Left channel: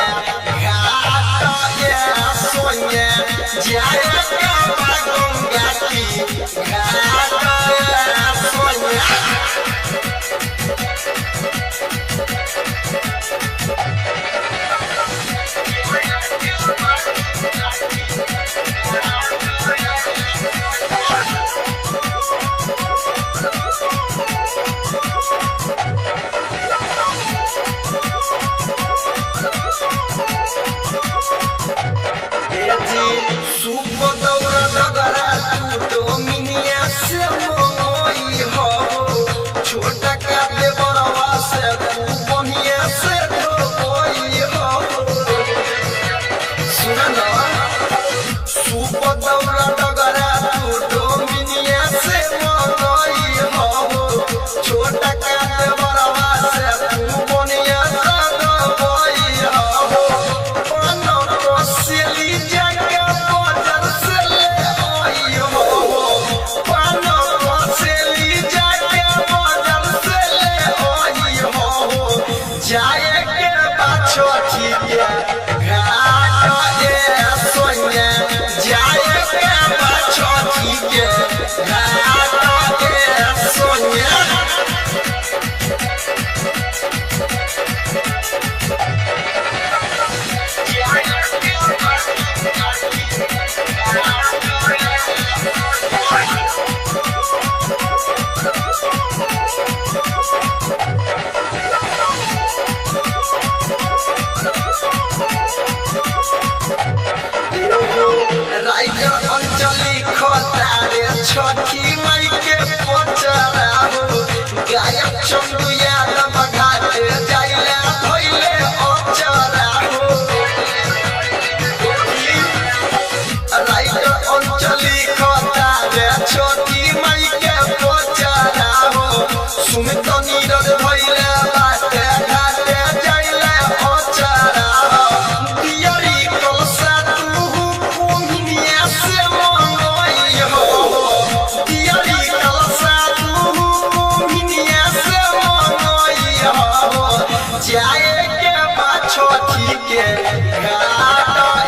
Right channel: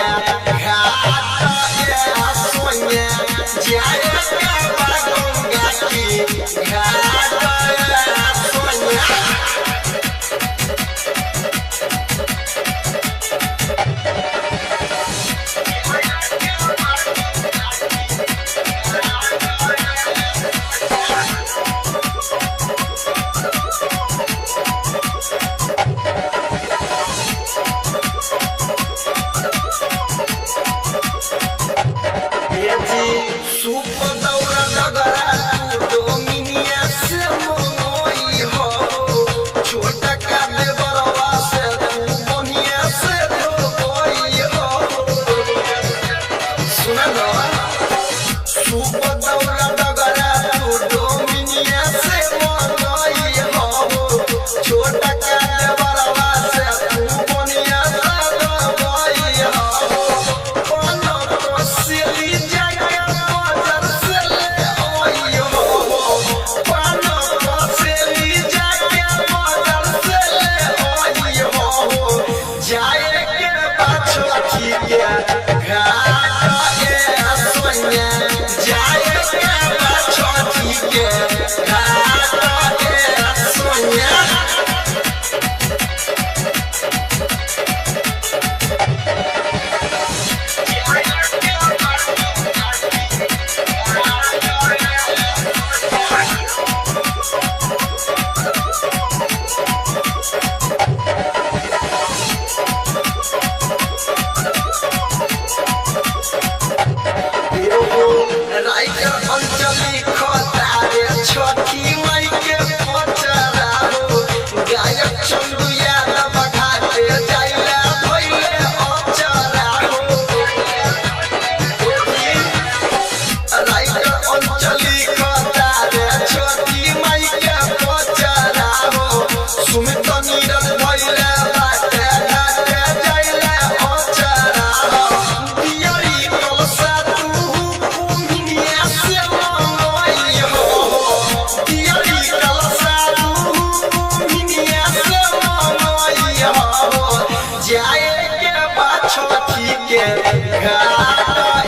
के घाट सोने जाए के गंगा की घाट सोने सुपदौरा डगरा तू डोमिनिया से मोई हो छोटा का देवरवा से तू बनिया से धोई हो सुना ना सुपदौरा डगरा तू डोमिनिया से मोई हो छोटा का देवरवा से तू बनिया से धोई हो पनो कोसिली जाए के पाछो के घाट सोने जाए के पाछो के घाट सोने राइगर अंचली खतारे छठी मई के पचरा हो गायक चंदू यादव घाटे जाइले भइले अचरा हो राइगर अंचली खतारे छठी मई के पचरा हो सुमित नीरज भइले बाटे घाटे जाइले अचरा हो दियरी कलसा जाए के पाछो के घाट